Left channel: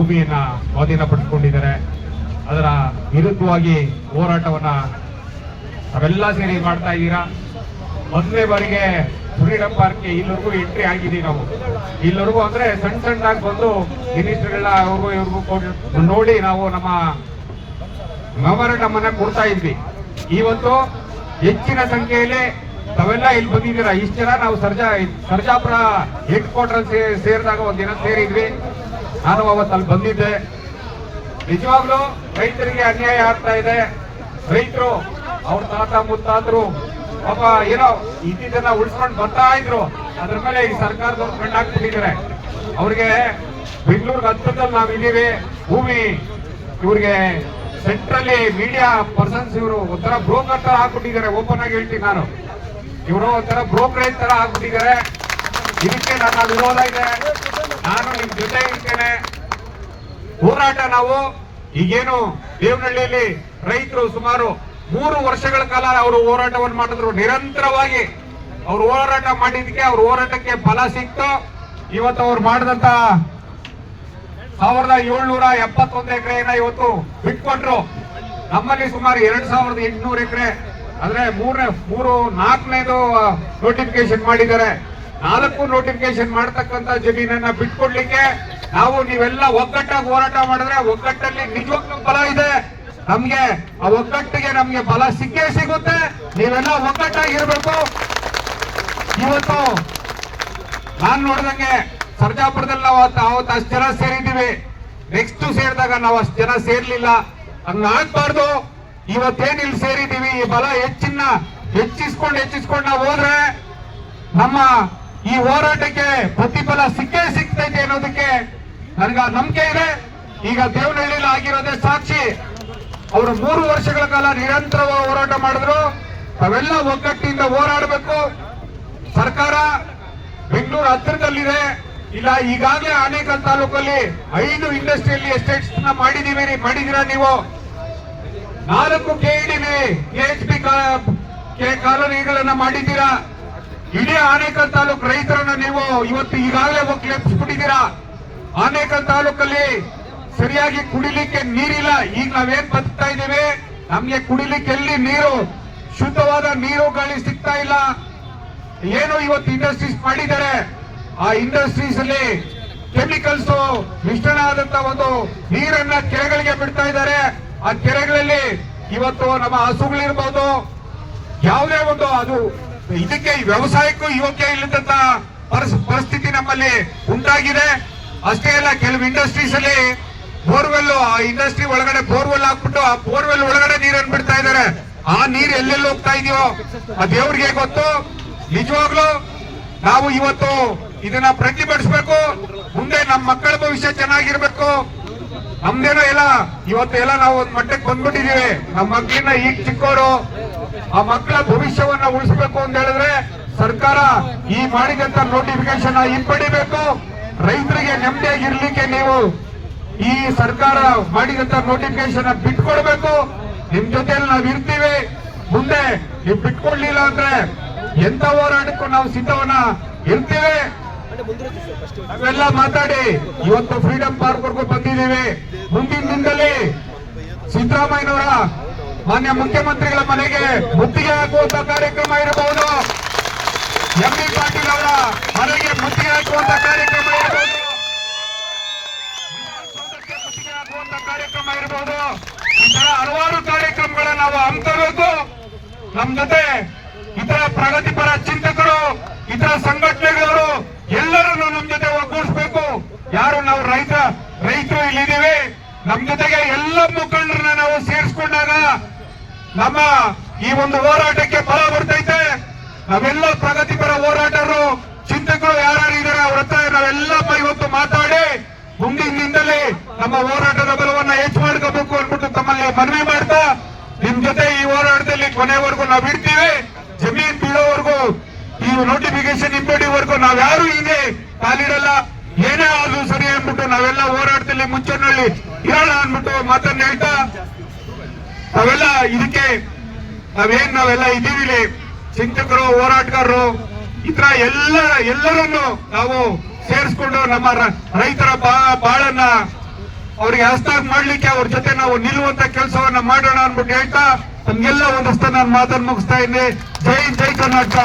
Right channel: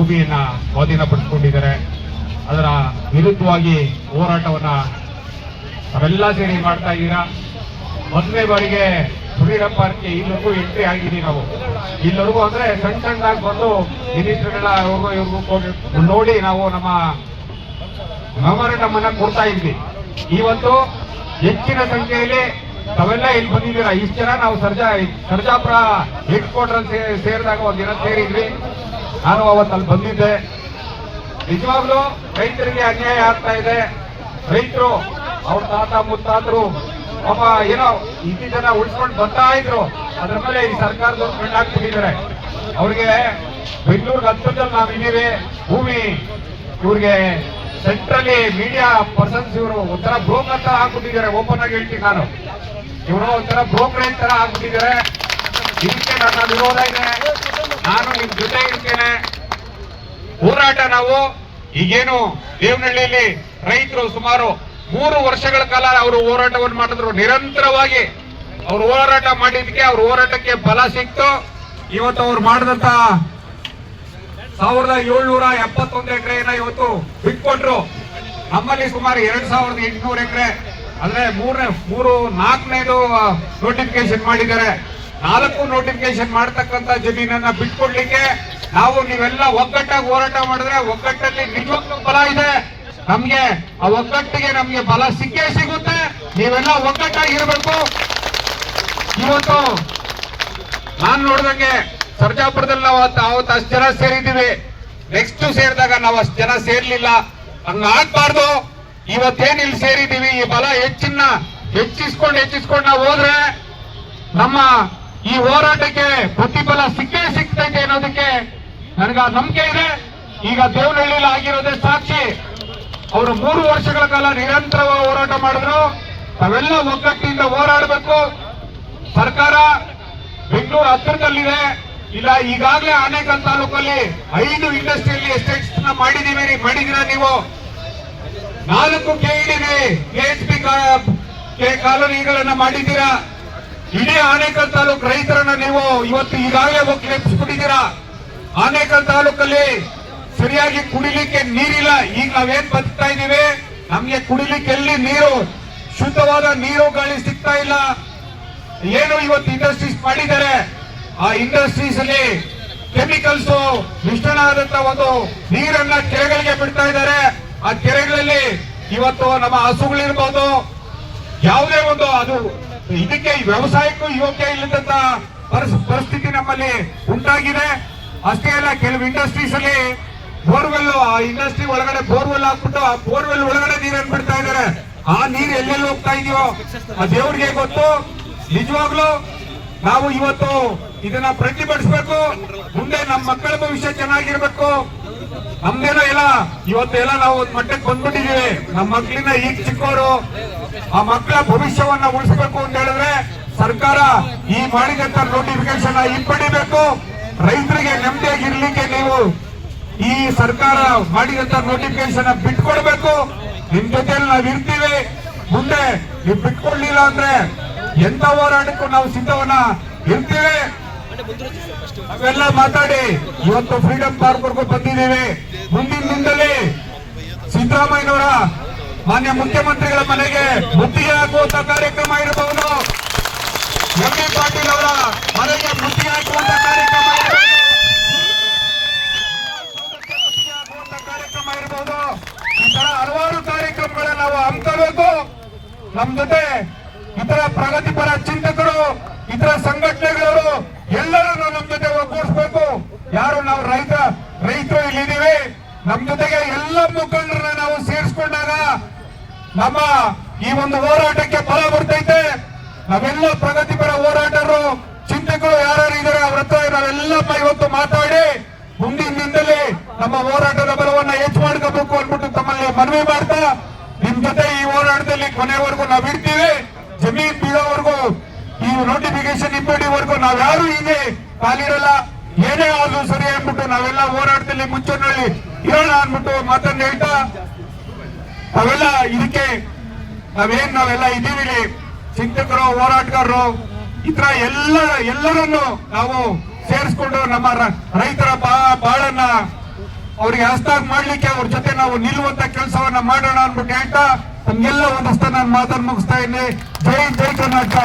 ಭೂಮಿಯನ್ನ ಸ್ವಾಧೀನಪಡಿಸಿಕೊಂಡಿದ್ದಾರೆ. ಅದರ ವಿರುದ್ಧವಾಗಿ ಹೋರಾಟವನ್ನ ನಾವೆಲ್ಲ ಸೇರಿ ಮಾಡ್ತಾ ಇದ್ದೀರಾ. ಮೊದಲನೇ ಬಾರಿಗೆ ಫ್ರೀಡಂ ಪಾರ್ಕ್ಗೆ ಇಲ್ಲಿವರೆಗೂ ಎಂಟ್ರಿ ಆಗಿದ್ದೀವಿ ನಾವು. ಇಲ್ಲಿವರೆಗೂ ಅಂದ್ರೆ ಸಣ್ಣ ಸಣ್ಣದಾಗಿ ಬಂದು ಮಿನಿಸ್ಟರ್ಗಳ ಅವ್ರಿಗೂ ಇವ್ರಿಗೂ ನೋಡಿ ನಾವು ನಮ್ಮ ಮೆಮೊರಂಡಮ್ ಅನ್ನ ಕೊಡ್ತಾ ಇದ್ವಿ. ಇವತ್ತು ಹೆಚ್ಚಿನ ಸಂಖ್ಯೆಯಲ್ಲಿ ತಾವೆಲ್ಲ ಇಲ್ಲಿ ಬಂದಿದ್ದೀರಾ. ಇಷ್ಟು ಜನ ನಾವು ಸರ್ಜಾಪುರ ಹೆಡ್ ಕ್ವಾರ್ಟರ್ ಸೇರಿದಾಗ ಒಂದಿನ ಸೇರಿದ್ವಿ. ನಾನು ಅವತ್ತು ಅಲ್ಲಿ ಬಂದಿದ್ದೆ. ನಿಜವಾಗ್ಲೂ ರೈತರಿಗೆ ಅನ್ಯಾಯ ಆಗ್ತಾ ಇದೆ. ರೈತರು ಅವ್ರ ತಾತ ಮುತ್ತಾದ್ರು ಪಾಪ ಏನೋ ಇದ್ದಿದ್ದನ್ನ ಉಳಿಸ್ಕೊಂಡು ಬರ್ತಾ ಇದ್ರು. ಅದ್ರ ಮೇಲೆ ಈ ಸರ್ಕಾರದವ್ರು ಕಣ್ಣಾಕ್ಬಿಟ್ಟಿದ್ದಾರೆ. ಅವ್ರಿಗೆ ಬೆಂಗಳೂರು ಹತ್ತದಲ್ಲಿ ನಾವು ಇದೀವಿ. ಭೂಮಿ ಇವ್ರಿಗೆ ಸೆಂಟ್ರಲ್ಲಿ ಮೀಡಿಯಾ ಪರ್ಸನ್ಸ್ ಇವರು ಒಂಥರ ಬ್ರೋಕರ್ ತರ ಹಾಕ್ಬಿಟ್ಟಿದ್ದಾರೆ. ಓಪನ್ ಆಗಿ ಹೇಳ್ತೀನಿ ನಾನು, ಇವರು ಒಂಥರ ಬ್ರೋಕರೇಜ್ ತರ ಹಾಕ್ಬಿಟ್ಟಿದ್ದಾರೆ. ಇದಕ್ಕೆ ನನ್ನ ವಿರೋಧ ಇದೆ. ನಾನು ನಿಮ್ ಜೊತೆ ಇರ್ತೇನೆ. ಹೋರಾಟ ನಾವು ಈಗೇನು ದೇವನಹಳ್ಳಿಯಲ್ಲಿ ರೈತರು ಸುಮಾರು 3 ವರ್ಷಗಳ ಕಾಲ ಅವರು ಹೋರಾಟವನ್ನು ಮಾಡಿದ್ರು. ನಿರಂತರವಾಗಿ ಅವರು ಹೋರಾಟ ಮಾಡಿದ್ದಕ್ಕೆ ಅವ್ರ ಹೋರಾಟಕ್ಕೆ ಫಲ ಸಿಕ್ತು. ಇವತ್ತು ಅವ್ರು ಮಾಡಿದಂತ 1771 ಎಕರೆಯನ್ನ ಇವತ್ತು ಬಿಟ್ಕೊಟ್ರು. ನಮ್ಮಲ್ಲಿ ಸುಮಾರು 2800 ಎಕರೆ ಅಂದ್ರೆ 4ನೇದು ನೋಟಿಫಿಕೇಶನ್ ಮಾಡಿದ್ದಾರೆ. 4 ನೋಟಿಫಿಕೇಶನ್ ಮಾಡತಕ್ಕಂತ ಜಮೀನನ್ನ ಬಿಟ್ಕೊಡ್ಲಿಕ್ಕೆ ನಾವು ನೀವೆಲ್ಲ ಒಗ್ಗಟ್ಟಾಗಿ ಹೋರಾಟ ಮಾಡಿದ್ರೆ ಒಗ್ಗಟ್ಟಲ್ಲಿ ನಿಜವಾಗ್ಲೂ ಬಲ ಇದೆ. ನಮ್ಗೆ ಆ ಒಗ್ಗಟ್ಟಿಗೆ ನಮ್ಗೆ ಬಲ ಸಿಕ್ಕೇ ಸಿಗುತ್ತೆ. ನೀವೆಲ್ಲ ಒಗ್ಗಟ್ಟಾಗಿರ್ಬೇಕು. ಇವತ್ತು ನಾನ್ ನೋಡ್ದಂಗೆ ಸರ್ಜಾಪುರದಲ್ಲಿ ನಾವು ಅವತ್ತು ಅಷ್ಟು ಜನ ಸೇರಿದ್ದೀವಿ. ನೆಕ್ಸ್ಟ್ ಸೇರಿದಾಗ ನಾವು ಅಷ್ಟು ಜನ ಸೇರ್ಲಿಲ್ಲ. ಹಂಗಾಗ್ಬಾರ್ದು. ಇವತ್ತೇನ್ ಇಲ್ಲಿ ಸೇರಿದ್ದೀವಿ, ಈ ಬಲ ಹೆಚ್ಚಿಸ್ಕೊಂಡು ನಾವು ಹೋದ್ರೆ ನಮ್ಮ ಈ ಹೋರಾಟಕ್ಕೆ ಪ್ರತಿಫಲ ಸಿಕ್ಕೇ ಸಿಗ್ತೈತೆ ಅನ್ನೋದಕ್ಕೆ ನನಗೆ ನಂಬಿಕೆ ಇದೆ. ಈಗ ದೇವನಹಳ್ಳಿಯಲ್ಲಿ ಆಗಿರೋದೇ ಸಾಕ್ಷಿ. ಅವರು 3 ವರ್ಷಗಳ ಕಾಲ ನಿರಂತರವಾಗಿ ಹೋರಾಟ ಮಾಡಿದ್ರು. ನಾವೆಲ್ಲ ಒಗ್ಗಟ್ಟಿನಿಂದ ಹೋರಾಡಬೇಕು. ಸರ್ಕಾರ ಬೆಂಗಳೂರು ಹತ್ತಿರದಲ್ಲಿದೆ. ಇಲ್ಲ ಈಗಾಗಲೇ ಆನೇಕಲ್ ತಾಲೂಕಲ್ಲಿ 5 ಇಂಡಸ್ಟ್ರಿಯಲ್ ಎಸ್ಟೇಟ್ಸ್ ಮಾಡಿದಿರ ನೀವು. 4 KHP ಕಾಲೋನಿಗಳನ್ನ ಮಾಡಿದ್ದೀರಾ. ಇಡೀ ಆನೇಕಲ್ ತಾಲೂಕು ರೈತರನ್ನ ನೀವು ಇವತ್ತು ಈಗಾಗಲೇ ಒಕ್ಕಲೆಬ್ಬಿಸ್ಬಿಟ್ಟಿದ್ದೀರಾ. ಆನೇಕಲ್ ತಾಲೂಕಲ್ಲಿ ಸರಿಯಾಗಿ ಕುಡಿಲಿಕ್ಕೆ ನೀರಿಲ್ಲ. ಈಗ ನಾವೇನ್ ಬದುಕ್ತಾ ಇದ್ದೀವಿ, ನಮ್ಗೆ ಕುಡಿಲಿಕ್ಕೆ ಎಲ್ಲಿ ನೀರು, ಶುದ್ಧವಾದ ನೀರು ಗಾಳಿ ಸಿಗ್ತಾ ಇಲ್ಲ. ಏನು ಇವತ್ತು ಇಂಡಸ್ಟ್ರೀಸ್ ಮಾಡಿದ್ದಾರೆ, ಆ ಇಂಡಸ್ಟ್ರೀಸ್ ಅಲ್ಲಿ ಕೆಮಿಕಲ್ಸ್ ಮಿಶ್ರಣ ಆದಂತ ಒಂದು ನೀರನ್ನ ಕೆರೆಗಳಿಗೆ ಬಿಡ್ತಾ ಇದ್ದಾರೆ. ಆ ಕೆರೆಗಳಲ್ಲಿ ಇವತ್ತು ನಮ್ಮ ಹಸುಗಳಿರ್ಬೋದು, ಯಾವುದೇ ಒಂದು ಅದು ಇದಕ್ಕೆ ವ್ಯವಸಾಯಕ್ಕೂ ಯೋಗ್ಯ ಇಲ್ಲದಂತ ಪರಿಸ್ಥಿತಿ ನಮ್ಮಲ್ಲಿ ಉಂಟಾಗಿದೆ. ಅಷ್ಟೇ ಅಲ್ಲ, ಕೆಲವು ಇಂಡಸ್ಟ್ರೀಸ್ ಅಲ್ಲಿ ಬೋರ್ವೆಲ್, ಆ ಇಂಡಸ್ಟ್ರಿ ಒಳಗಡೆ ಬೋರ್ವೆಲ್ ಹಾಕ್ಬಿಟ್ಟು ಆ ಬೋರ್ವೆಲ್ ಒಳಗಡೆ ನೀರನ್ನು ಬಿಡ್ತಾ ಇದ್ದಾರೆ. ಆ ನೀರು ಎಲ್ಲೆಲ್ಲಿ ಹೋಗ್ತಾ ಇದೆಯೋ ಆ ದೇವ್ರಿಗೆ ಗೊತ್ತು. ನಿಜವಾಗ್ಲೂ ನಾವು ಇವತ್ತು ಇದನ್ನ ಪ್ರತಿಭಟಿಸಬೇಕು. ಮುಂದೆ ನಮ್ಮ ಮಕ್ಕಳ ಭವಿಷ್ಯ ಚೆನ್ನಾಗಿರ್ಬೇಕು. ನಮ್ದೇನೋ ಎಲ್ಲ ಇವತ್ತೆಲ್ಲ ನಾವು ಒಂದು ಮಟ್ಟಕ್ಕೆ ಬಂದ್ಬಿಟ್ಟಿದೀವಿ. ನಮ್ಮ ಮಕ್ಕಳಿಂದ ಈಗ ಚಿಕ್ಕವರು, ಆ ಮಕ್ಕಳ ಭವಿಷ್ಯವನ್ನ ಉಳಿಸಬೇಕು ಅಂತ ಹೇಳಿದ್ರೆ ಸರ್ಕಾರ ಈ ಮಾಡಿದಂತ ನೋಟಿಫಿಕೇಶನ್ ಹಿಂಪಡಿಬೇಕು. ರೈತರಿಗೆ ನೆಮ್ಮದಿಯಾಗಿರ್ಲಿಕ್ಕೆ ನೀವು ಈ ಸರ್ಕಾರ ಮಾಡಿದಂತ ನೋಟಿಫಿಕೇಶನ್ ಬಿಟ್ಕೊಡ್ಬೇಕು. ನಿಮ್ ಜೊತೆಲಿ ನಾವು ಇರ್ತೀವಿ. ಮುಂದೆ ನೀವು ಬಿಟ್ಕೊಡ್ಲಿಲ್ಲ ಅಂದ್ರೆ ಎಂತ ಹೋರಾಟಕ್ಕೂ ನಾವು ಸಿದ್ಧವನ್ನ ಇರ್ತೀವಿ. ನಾವೆಲ್ಲ ಮಾತಾಡಿ ಇವತ್ತು ಫ್ರೀಡಂ ಪಾರ್ಕ್ ವರ್ಗೂ ಬಂದಿದ್ದೀವಿ. ಮುಂದಿನ ದಿನದಲ್ಲಿ ಸಿದ್ದರಾಮಯ್ಯನವರ ಮಾನ್ಯ ಮುಖ್ಯಮಂತ್ರಿಗಳ ಮನೆಗೆ ಮುತ್ತಿಗೆ ಹಾಕುವಂತ ಕಾರ್ಯಕ್ರಮ ಇರಬಹುದು. ಎಂ.ಬಿ. ಪಾಟೀಲ್ ಅವರ ಮನೆಗೆ ಮುತ್ತಿಗೆ ಹಾಕುವಂತ ಕಾರ್ಯಕ್ರಮ ಇರಬಹುದು. ಇರಬಹುದು. ಈ ತರ ಹಲವಾರು ಕಾರ್ಯಕ್ರಮಗಳನ್ನ ನಾವು ಹಮ್ಮಿಕೋಬೇಕು. ನಮ್ ಜೊತೆ ಇತರ ಪ್ರಗತಿಪರ ಚಿಂತಕರು, ಇತರ ಸಂಘಟನೆಗಳವರು ಎಲ್ಲರನ್ನು ನಮ್ ಜೊತೆ ಒಗ್ಗೂಡಿಸಬೇಕು. ಯಾರು ನಾವು ರೈತರು ಇಲ್ಲಿದ್ದೀವಿ, ನಮ್ ಜೊತೆಗೆ ಎಲ್ಲ ಮುಖಂಡರನ್ನ ನಾವು ಸೇರಿಸ್ಕೊಂಡಾಗ ನಮ್ಮ ಈ ಒಂದು ಹೋರಾಟಕ್ಕೆ ಬಲ ಬರ್ತೈತೆ. ನಾವೆಲ್ಲ ಪ್ರಗತಿಪರ ಹೋರಾಟರು, ಚಿಂತಕರು ಯಾರು ಇದ್ದಾರೆ ಅವ್ರ ಹತ್ರ ನಾವೆಲ್ಲ ಇವತ್ತು ಮಾತಾಡಿ ಮುಂದಿನ ದಿನದಲ್ಲಿ ನಮ್ಮ ಹೋರಾಟದ ಬಲವನ್ನ ಹೆಚ್ಚು ಮಾಡ್ಕೋಬೇಕು ಅಂದ್ಬಿಟ್ಟು ತಮ್ಮಲ್ಲಿ ಮನವಿ ಮಾಡ್ತಾ, ನಿಮ್ ಜೊತೆ ಈ ಹೋರಾಟದಲ್ಲಿ ಕೊನೆವರೆಗೂ ನಾವು ಇರ್ತೀವಿ. ಜಮೀನ್ ಬೀಳೋವರೆಗೂ, ಈ ನೋಟಿಫಿಕೇಶನ್ ಹಿಂಪಡಿವರೆಗೂ ನಾವ್ಯಾರು ಹೀಗೆ ಕಾಲಿರಲ್ಲ. ಏನೇ ಆದ್ರೂ ಸರಿ ಅಂದ್ಬಿಟ್ಟು ನಾವೆಲ್ಲ ಹೋರಾಟದಲ್ಲಿ ಮುಂಚೂಣಿಯಲ್ಲಿ ಇರೋಣ ಅಂದ್ಬಿಟ್ಟು ಮಾತನ್ನ ಹೇಳ್ತಾ, ಅವೆಲ್ಲ ಇದಕ್ಕೆ ನಾವೆಲ್ಲ ಇದೀವಿ. ಚಿಂತಕರು, ಹೋರಾಟಗಾರರು, ಇತರ ಎಲ್ಲರನ್ನು ನಾವು ಸೇರಿಸ್ಕೊಂಡು ನಮ್ಮ ರೈತರ ಬಾಳನ್ನ ಅವ್ರಿಗೆ ಹಸ್ತಾಗ್ ಮಾಡ್ಲಿಕ್ಕೆ ಅವ್ರ ಜೊತೆ ನಾವು ನಿಲ್ಲುವಂತ ಕೆಲಸವನ್ನ ಮಾಡೋಣ ಅಂದ್ಬಿಟ್ಟು ಹೇಳ್ತಾ ನಮ್ಗೆಲ್ಲ ಒಂದಷ್ಟು ನಾನು ಮಾತನ್ನು ಮುಗಿಸ್ತಾ ಇದ್ದೀನಿ. ಜೈ ಕರ್ನಾಟಕ.